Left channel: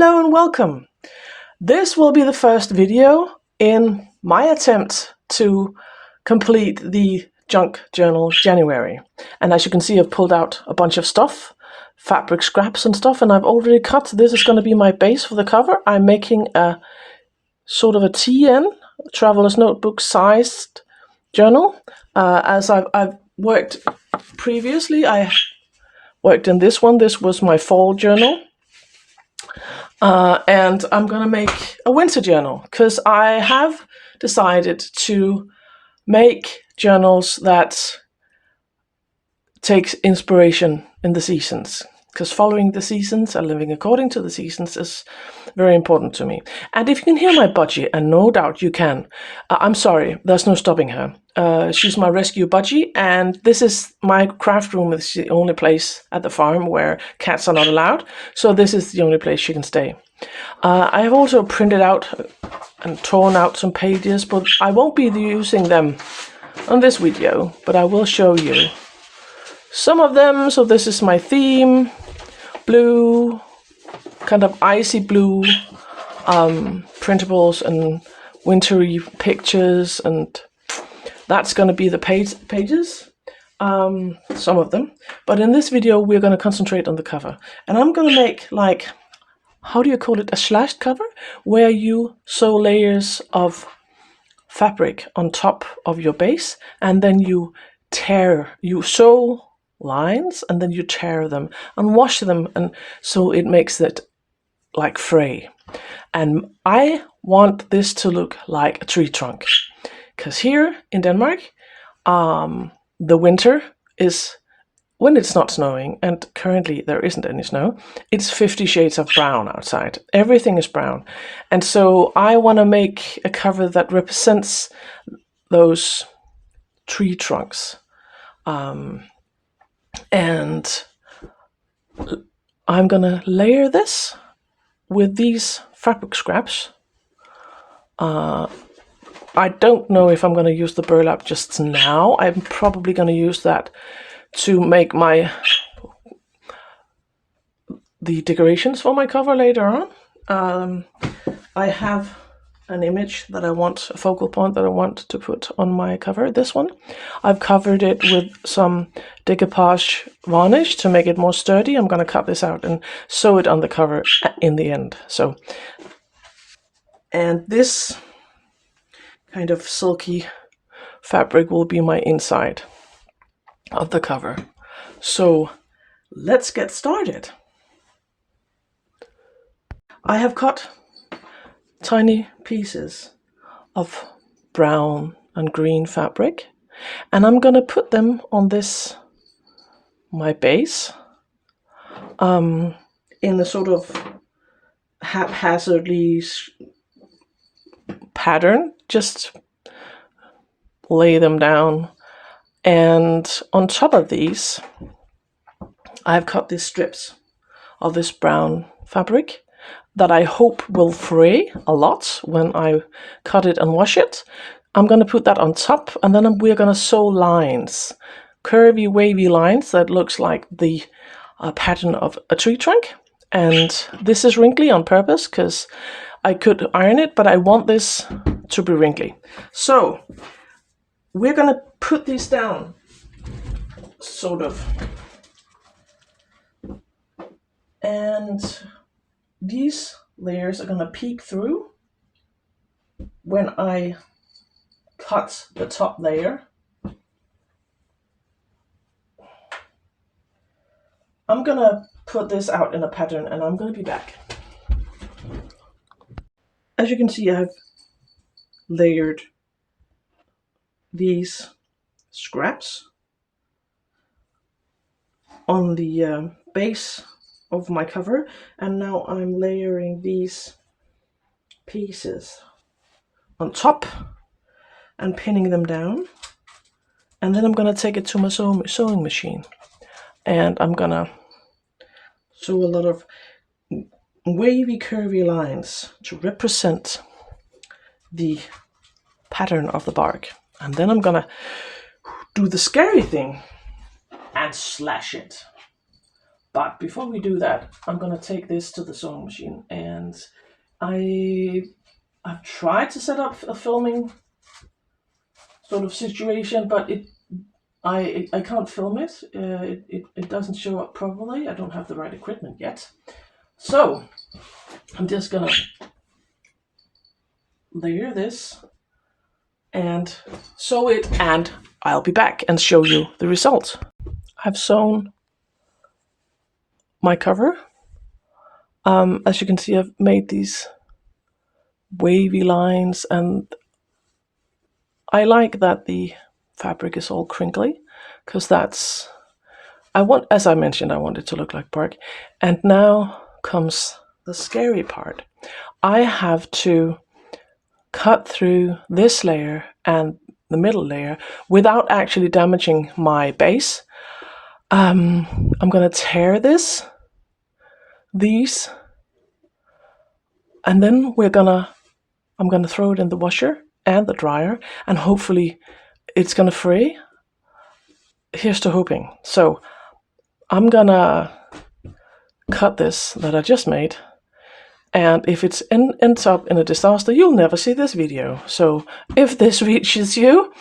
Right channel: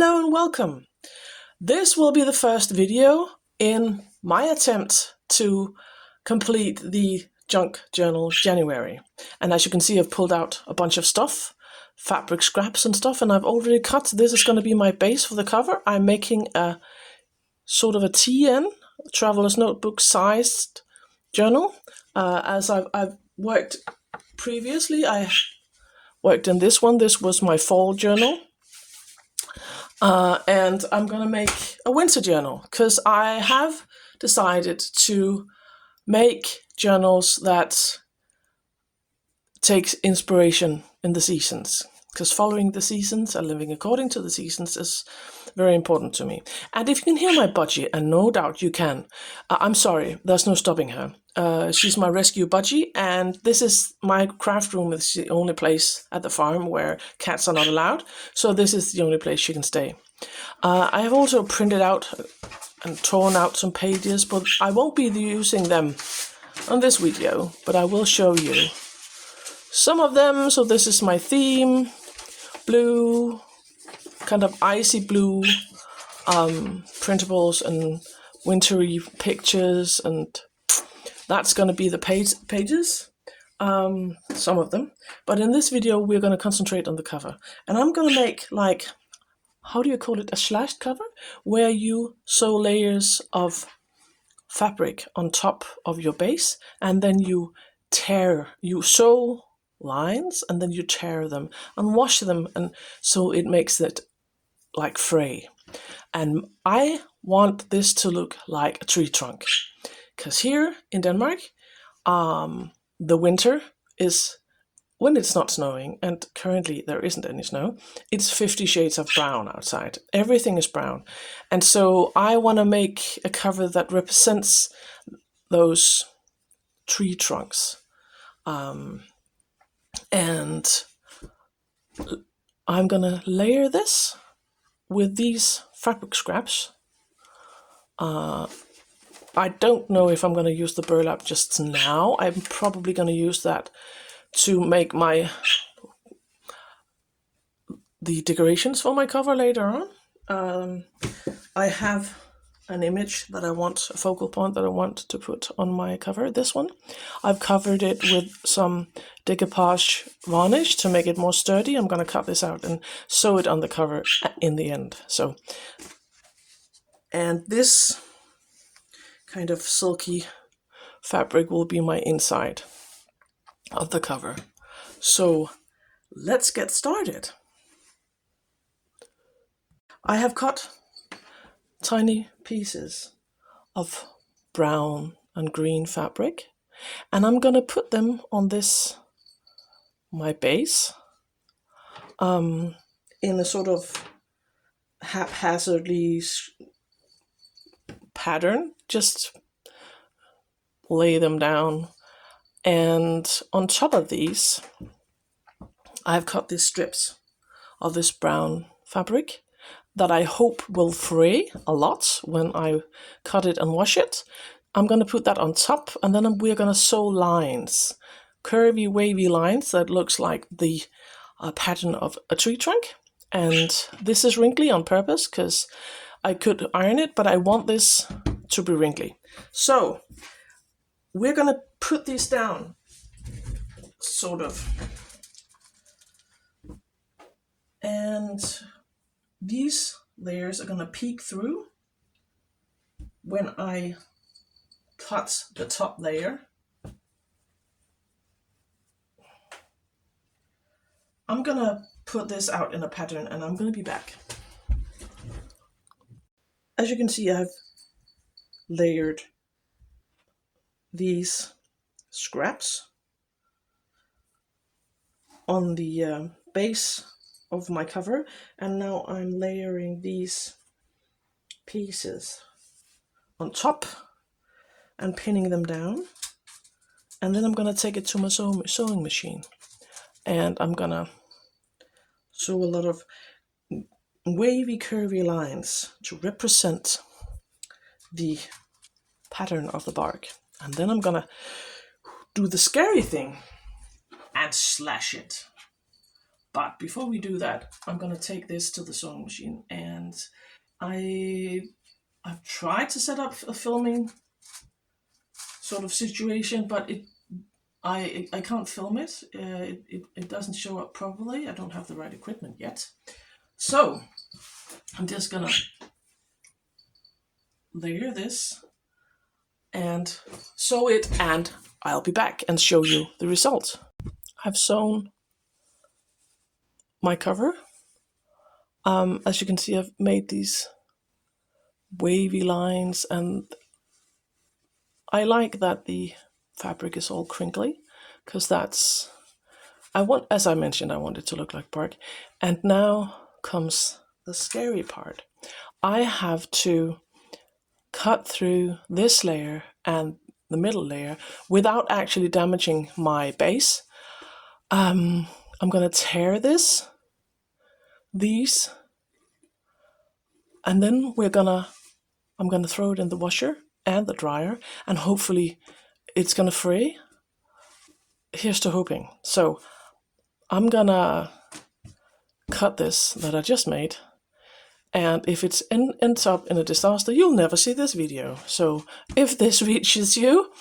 Hello and welcome. This will be the first video in my attempt to complete the junk journal January. And as you can see, I've pulled out a bunch of stuff, fabric scraps and stuff, and I've already cut. This is going to be my base for the cover. I'm making a sort of a TN, Traveler's Notebook sized journal. As I've worked previously, I worked in this one. This was my fall journal. And I'm going to make a winter journal because I have decided to make journals that take inspiration in the seasons, because following the seasons and living according to the seasons is very important to me. And if you can hear my budgie, and no doubt you can, I'm sorry, there's no stopping her. She's my rescue budgie, and this is my craft room. It's the only place at the farm where cats are not allowed, so this is the only place she can stay. I have also printed out and torn out some pages, but I won't be using them on this video, but I will show you some of them. So this is my theme, blue, kind of icy blue, printables and wintry pictures, and that's going to be the pages, some of them. But in this video, we're going to concentrate on the cover. And I'm going to make, like, how do you call it, a slashed cover, where you sew layers of fabric on top of your base, and then you sew lines, and then you tear them and wash them, and so it makes it like fray. And I want this to look like a tree trunk, because here in Denmark, the winter is when it's not snowing, and currently there isn't any snow, it's 50 shades of brown outside. Everything is brown. And so I want to make a cover that represents those tree trunks. And I'm going to layer this with these fabric scraps. I don't know if I'm going to use the burlap just now. I'm probably going to use that to make the decorations for my cover later on. I have an image that I want, a focal point that I want to put on my cover, this one. I've covered it with some decoupage varnish to make it more sturdy. I'm going to cut this out and sew it on the cover in the end. So, and this kind of silky fabric will be my inside of the cover. So let's get started. I have cut tiny pieces of brown and green fabric, and I'm gonna put them on this, my base, in a sort of haphazardly pattern. Just lay them down. And on top of these, I've cut these strips of this brown fabric that I hope will fray a lot when I cut it and wash it. I'm going to put that on top, and then we're going to sew lines, curvy, wavy lines that looks like the pattern of a tree trunk. And this is wrinkly on purpose because I could iron it, but I want this to be wrinkly. So we're going to put these down, sort of. And these layers are going to peek through when I cut the top layer. I'm going to put this out in a pattern, and I'm going to be back. As you can see, I've layered these scraps on the base of my cover, and now I'm layering these pieces on top and pinning them down, and then I'm going to take it to my sewing machine, and I'm going to sew a lot of wavy, curvy lines to represent the pattern of the bark. And then I'm gonna do the scary thing and slash it But before we do that, I'm going to take this to the sewing machine, and I've tried to set up a filming sort of situation, but I can't film it. It doesn't show up properly. I don't have the right equipment yet. So I'm just gonna layer this and sew it, and I'll be back and show you the result. I've sewn my cover. As you can see, I've made these wavy lines, and I like that the fabric is all crinkly, because that's, as I mentioned, I want it to look like bark. And now comes the scary part. I have to cut through this layer and the middle layer without actually damaging my base. I'm gonna tear these, and then I'm gonna throw it in the washer and the dryer, and hopefully it's gonna fray. Here's to hoping. So I'm gonna cut this that I just made, and if it ends up in a disaster, you'll never see this video. So if this reaches you,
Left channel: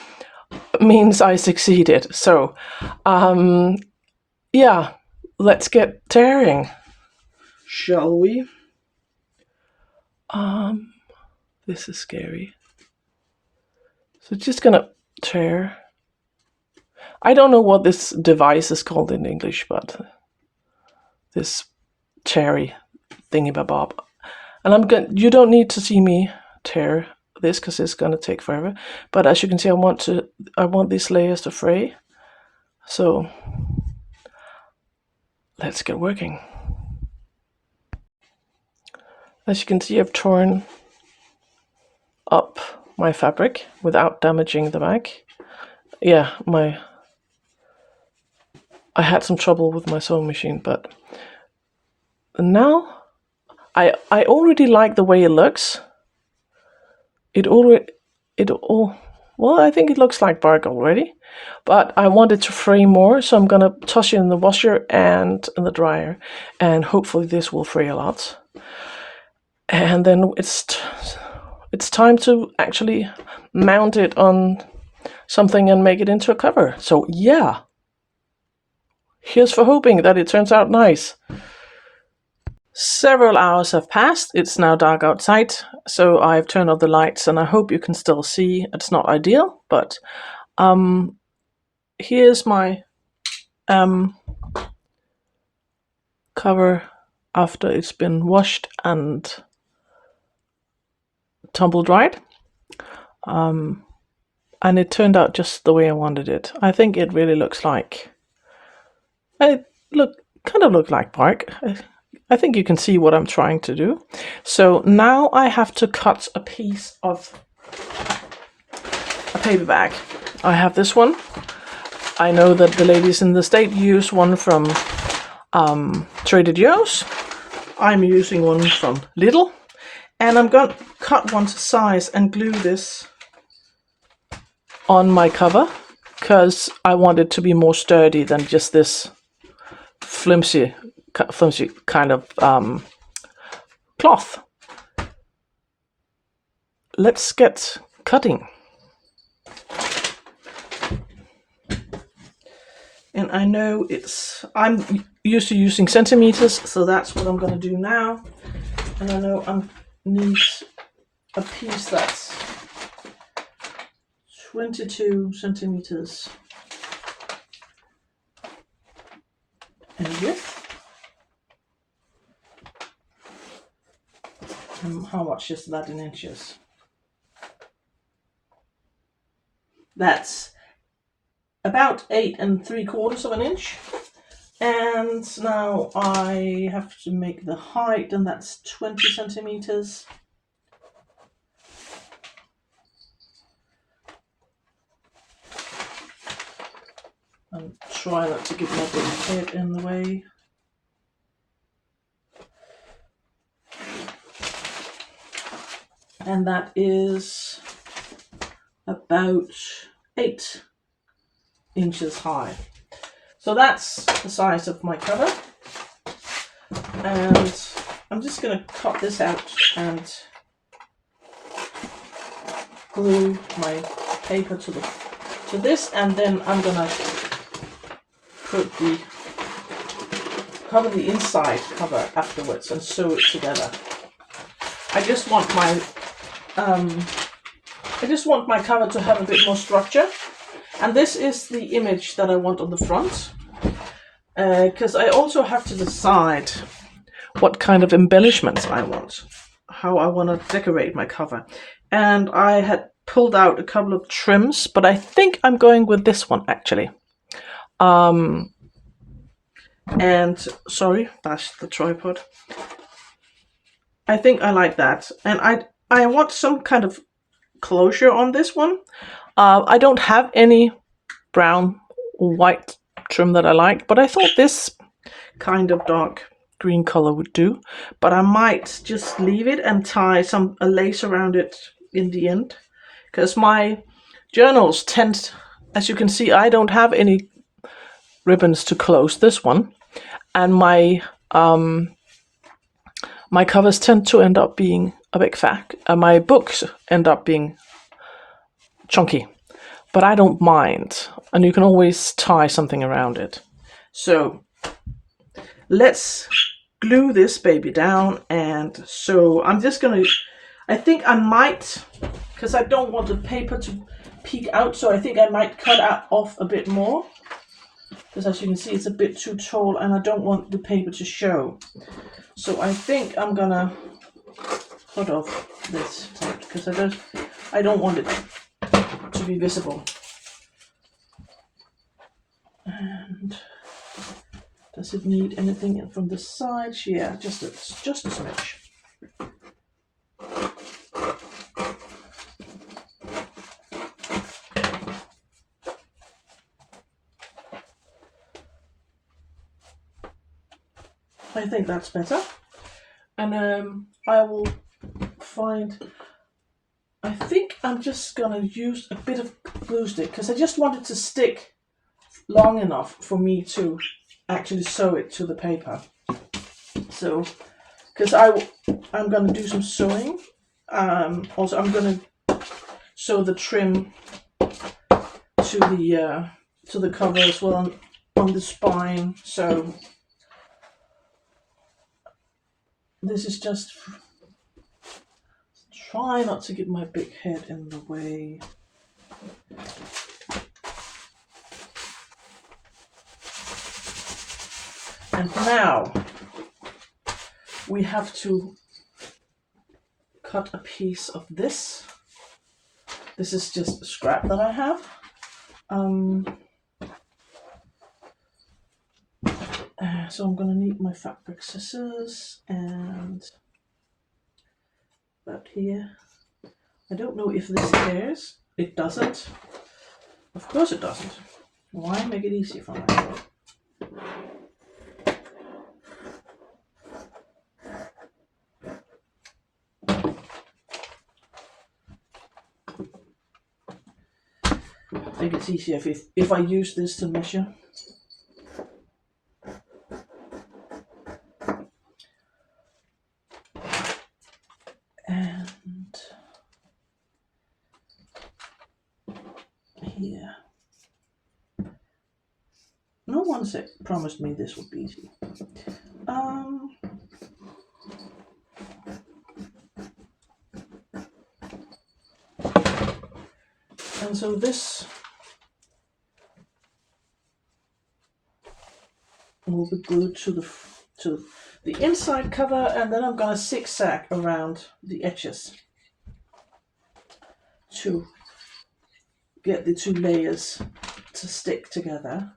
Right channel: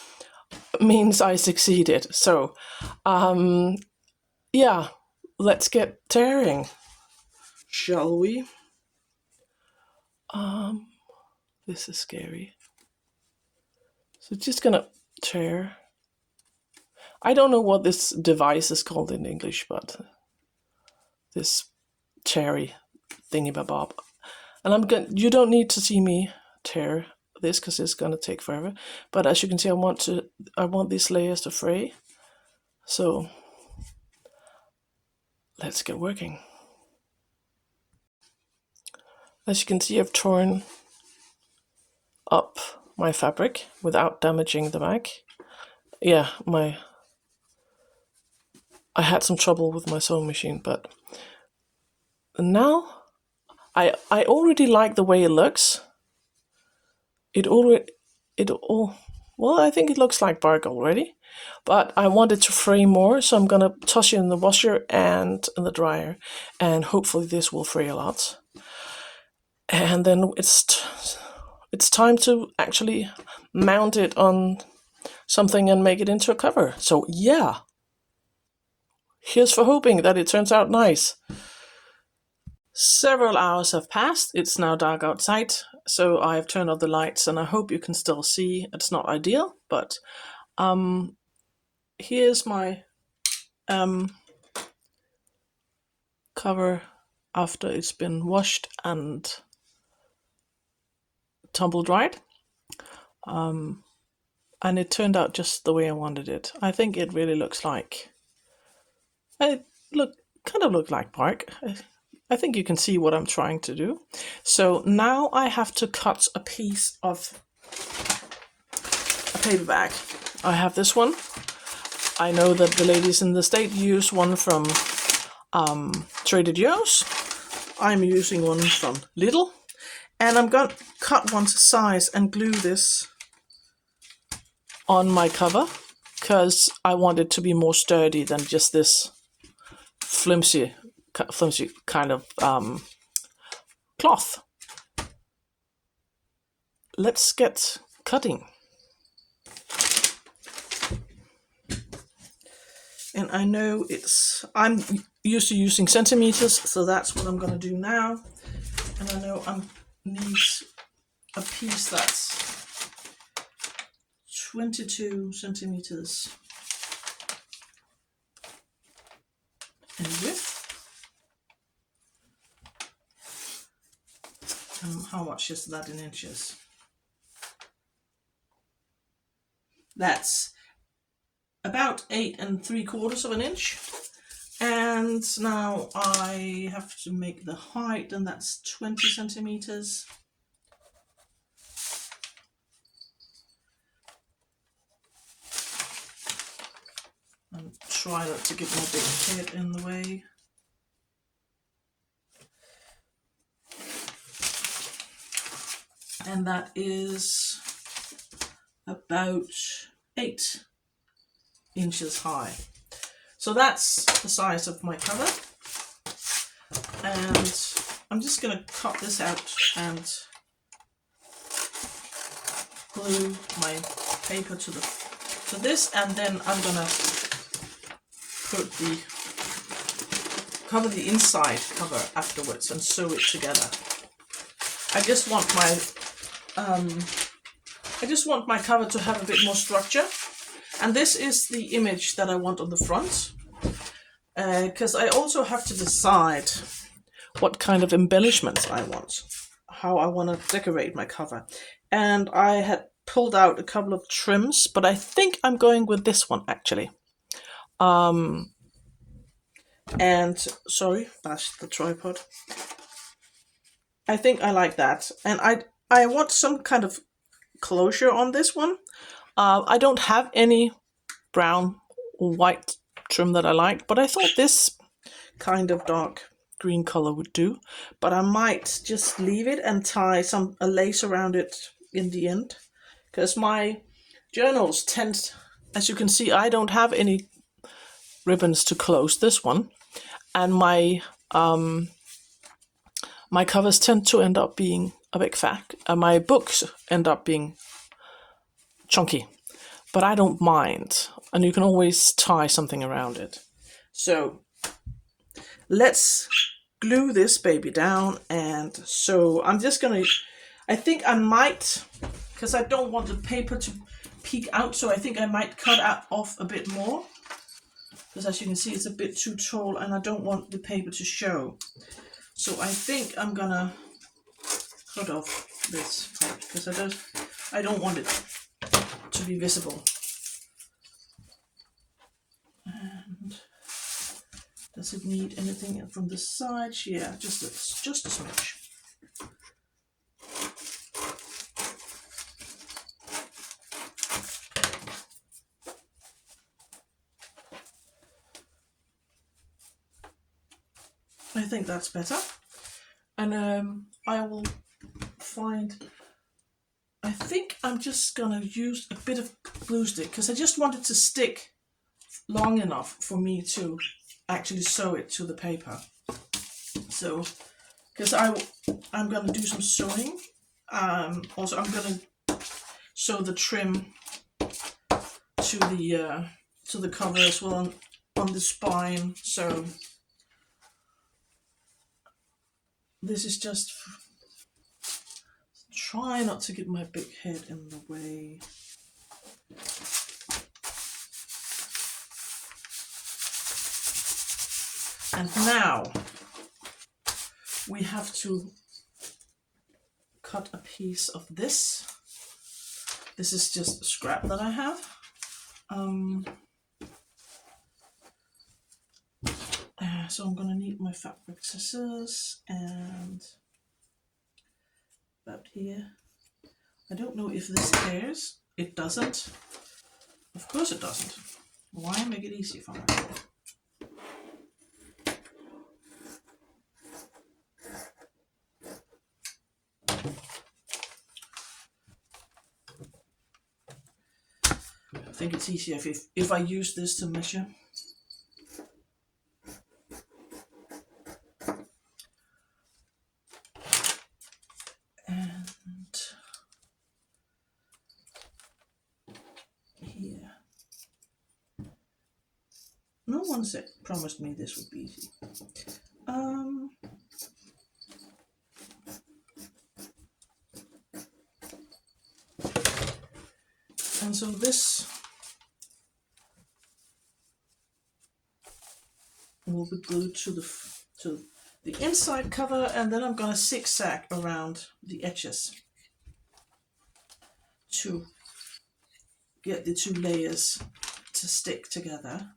it means I succeeded. So yeah, let's get tearing, shall we? This is scary. So just gonna tear. I don't know what this device is called in English, but this cherry thingy-bob. And you don't need to see me tear this because it's gonna take forever. But as you can see, I want these layers to fray. So let's get working. As you can see, I've torn up my fabric without damaging the back. Yeah, I had some trouble with my sewing machine, but now I already like the way it looks. Well, I think it looks like bark already, but I want it to fray more, so I'm gonna toss it in the washer and in the dryer, and hopefully this will fray a lot. And then it's time to actually mount it on something and make it into a cover. So yeah, here's for hoping that it turns out nice. Several hours have passed. It's now dark outside, so I've turned off the lights, and I hope you can still see. It's not ideal, but here's my cover after it's been washed and tumble dried. And it turned out just the way I wanted it. I think it really looks like, kind of look like bark. I think you can see what I'm trying to do. So now I have to cut a piece of a paper bag. I have this one. I know that the ladies in the state use one from Trader Joe's. I'm using one from Lidl. And I'm going to cut one to size and glue this on my cover, because I want it to be more sturdy than just this flimsy kind of cloth. Let's get cutting. And I know I'm used to using centimeters, so that's what I'm going to do now. And I know I need a piece that's 22 centimeters in width. And how much is that in inches? That's about 8 3/4 of an inch. And now I have to make the height, and that's 20 centimeters. And try not to get my big head in the way. And that is about 8 inches high. So that's the size of my cover. And I'm just going to cut this out and glue my paper to this, and then I'm going to cover the inside cover afterwards and sew it together. I just want my cover to have a bit more structure, and this is the image that I want on the front, because I also have to decide what kind of embellishments I want, how I want to decorate my cover. And I had pulled out a couple of trims, but I think I'm going with this one actually. And sorry, that's the tripod. I think I like that, and I want some kind of closure on this one. I don't have any brown or white trim that I like, but I thought this kind of dark green color would do. But I might just leave it and tie a lace around it in the end, because my journals tend, as you can see, I don't have any ribbons to close this one, and my covers tend to end up being a big fat. My books end up being chunky, but I don't mind, and you can always tie something around it. So let's glue this baby down. And so I'm just gonna, I think I might, because I don't want the paper to peek out, so I think I might cut off a bit more, because as you can see it's a bit too tall and I don't want the paper to show. So I think I'm gonna cut off this part, because I don't want it to be visible. And does it need anything from the sides? Yeah, just a smidge. I think that's better. And I will I think I'm just gonna use a bit of glue stick, because I just want it to stick long enough for me to actually sew it to the paper. So, because I'm gonna do some sewing. Also, I'm gonna sew the trim to the cover as well on the spine. So this is just try not to get my big head in the way. And now we have to cut a piece of this. This is just scrap that I have. So I'm gonna need my fabric scissors and that here. I don't know if this cares. It doesn't. Of course it doesn't. Why make it easy for myself? I think it's easier if I use this to measure. And here. No one promised me this would be easy. And so this will be glued to the inside cover, and then I'm going to zigzag around the edges to get the two layers to stick together.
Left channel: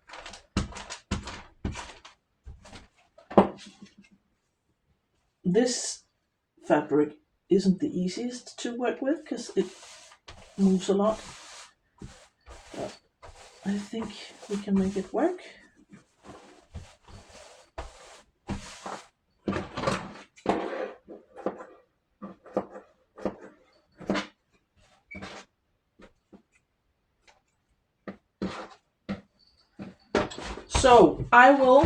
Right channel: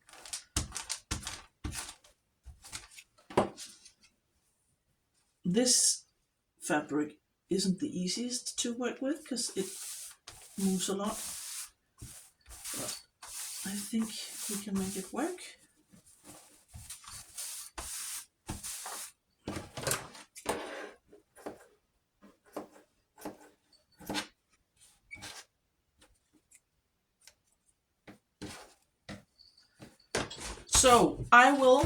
This fabric isn't the easiest to work with because it moves a lot, but I think we can make it work. So I will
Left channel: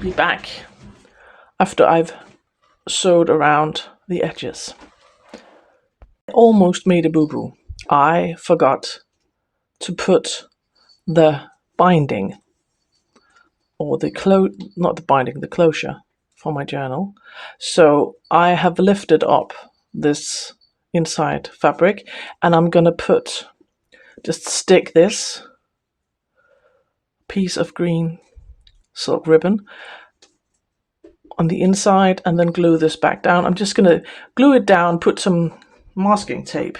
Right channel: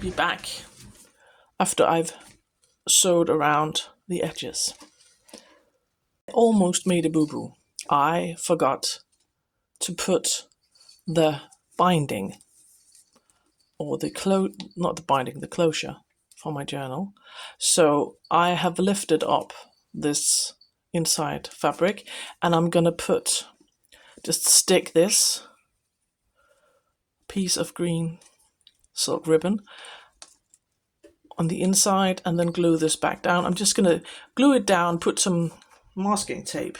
be back after I've sewed around the edges. I almost made a boo-boo. I forgot to put the binding, or the the closure for my journal. So I have lifted up this inside fabric, and I'm gonna just stick this piece of green silk ribbon on the inside and then glue this back down. I'm just gonna glue it down, put some masking tape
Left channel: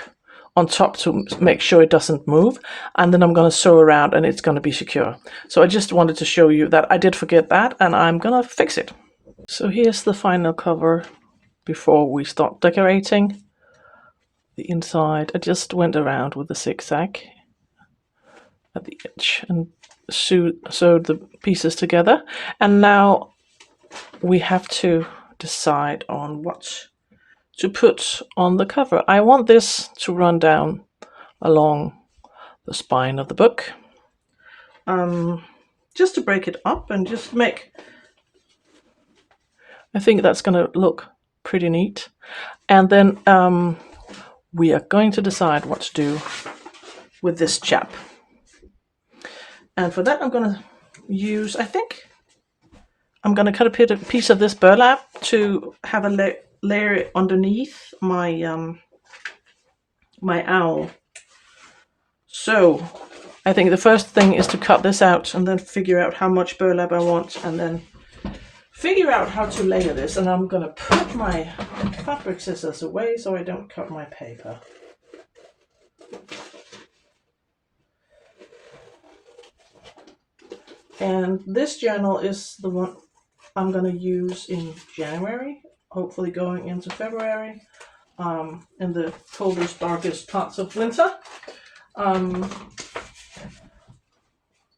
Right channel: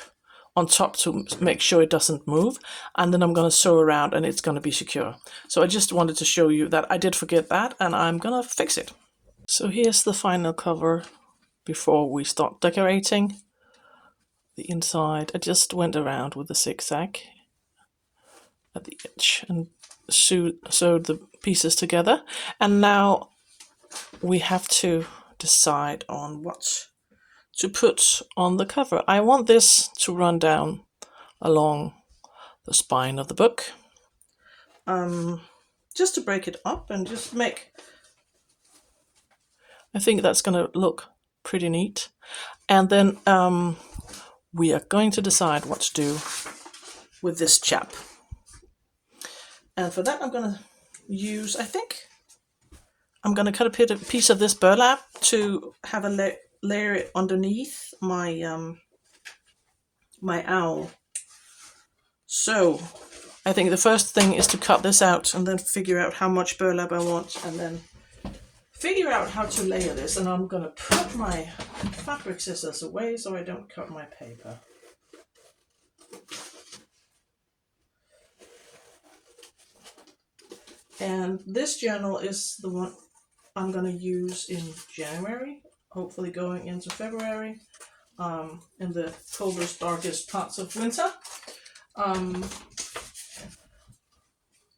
on top to make sure it doesn't move, and then I'm going to sew around and it's going to be secure. So I just wanted to show you that I did forget that, and I'm going to fix it. So here's the final cover before we start decorating. The inside, I just went around with the zigzag at the edge and sewed the pieces together, and now we have to decide on what to put on the cover. I want this to run down along the spine of the book, just to break it up and just make, I think that's going to look pretty neat. And then we are going to decide what to do with this chap. And for that I'm going to use, I think I'm going to cut a piece of this burlap to have a layer underneath my my owl. So I think the first thing is to cut this out and then figure out how much burlap I want, and then figure out how to layer this. And I'm gonna put my fabric scissors away so I don't cut my paper. And this journal is the one I'm gonna use in January, hopefully going into February, in the coldest, darkest parts of winter.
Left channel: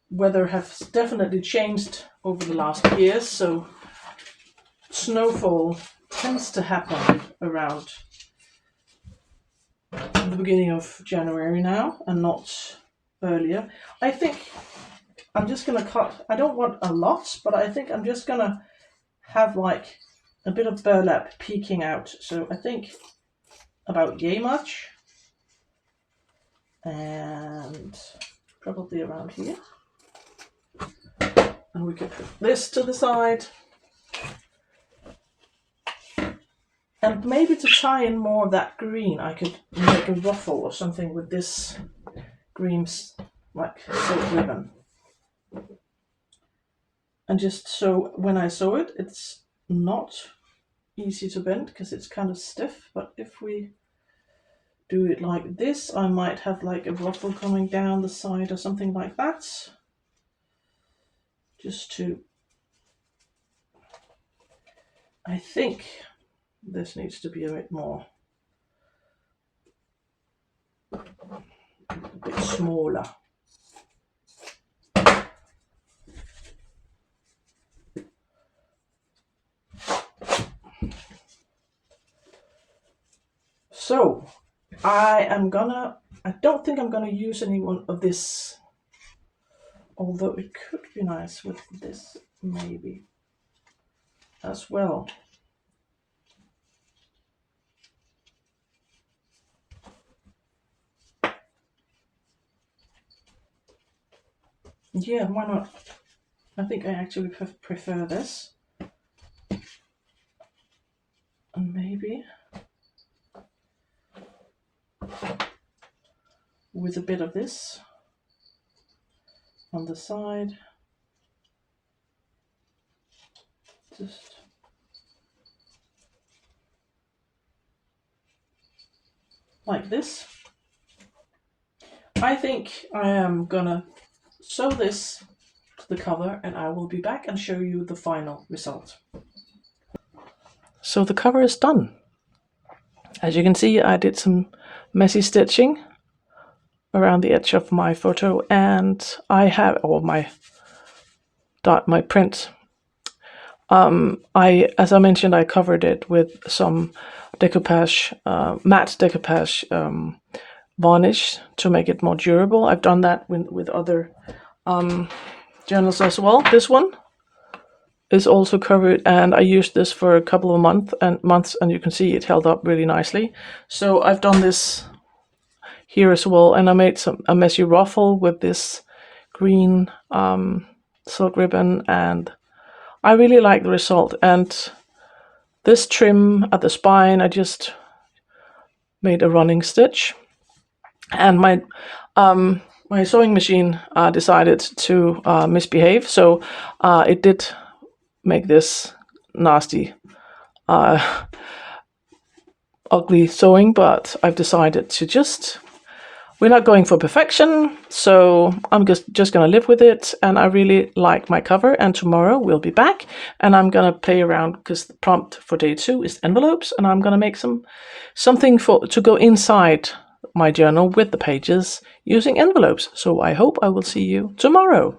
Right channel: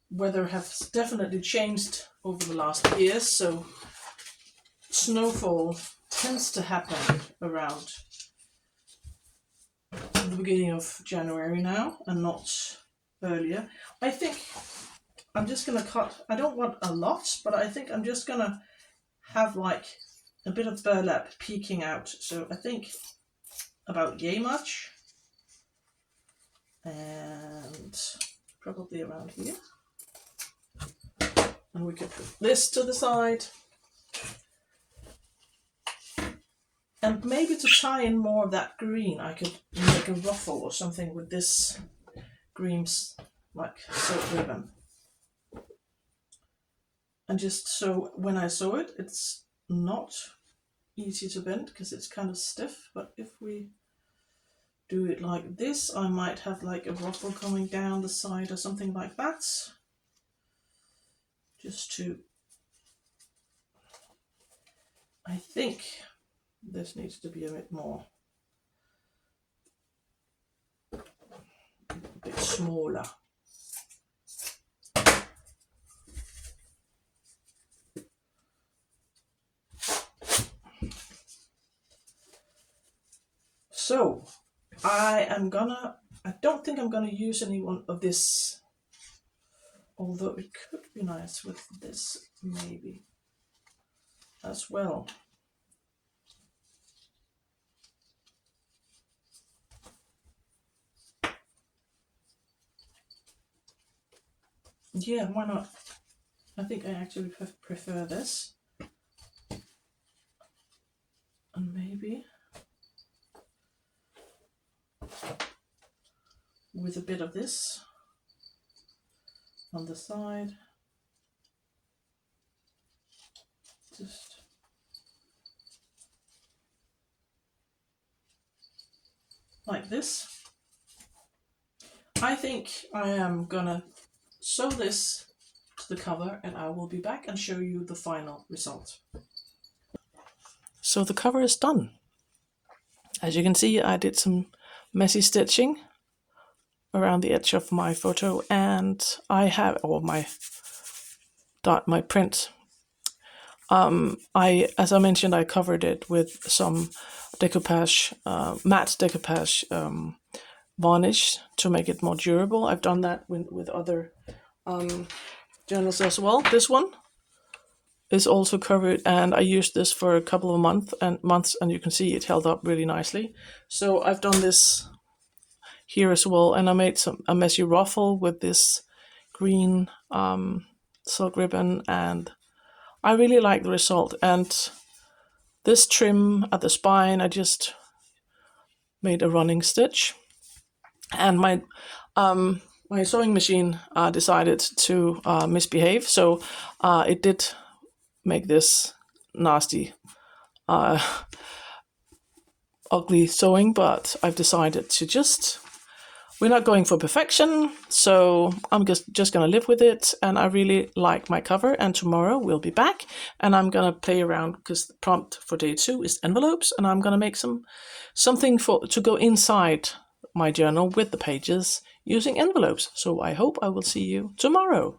Weather has definitely changed over the last years, so snowfall tends to happen around the beginning of January now, and not earlier. I think I'm just gonna cut, I don't want a lot, but I think I'm just gonna have like a bit of burlap peeking out. So I think about yay much, and probably around here. And we could put this to the side. And maybe to tie in more of that green, I could make a ruffle or something with this green, like silk ribbon. And just so when I sew it, it's not easy to bend because it's kind of stiff. But if we do it like this, I might have like a ruffle coming down the side or something like that. Just to, I think this needs to be a bit more, a bit smaller. So I don't think I'm gonna use any one of this, although it could be nice with this maybe as well. Yeah, why not? I think I actually prefer this. And maybe with a bit of this on the side. Just like this. I think I am gonna sew this to the cover, and I will be back and show you the final result. So the cover is done. As you can see, I did some messy stitching around the edge of my photo, and I have, or my print. As I mentioned, I covered it with some decoupage, matte decoupage varnish to make it more durable. I've done that with other journals as well. This one is also covered, and I used this for a couple of months, and you can see it held up really nicely. So I've done this here as well, and I made a messy ruffle with this green silk ribbon, and I really like the result. And this trim at the spine, I just made a running stitch, and my sewing machine decided to misbehave, so it did make this nasty, ugly sewing. But I've decided to we're not going for perfection, so I'm just gonna live with it, and I really like my cover. And tomorrow we'll be back, and I'm gonna play around, because the prompt for day 2 is envelopes, and I'm gonna make something to go inside my journal with the pages using envelopes. So I hope I will see you tomorrow.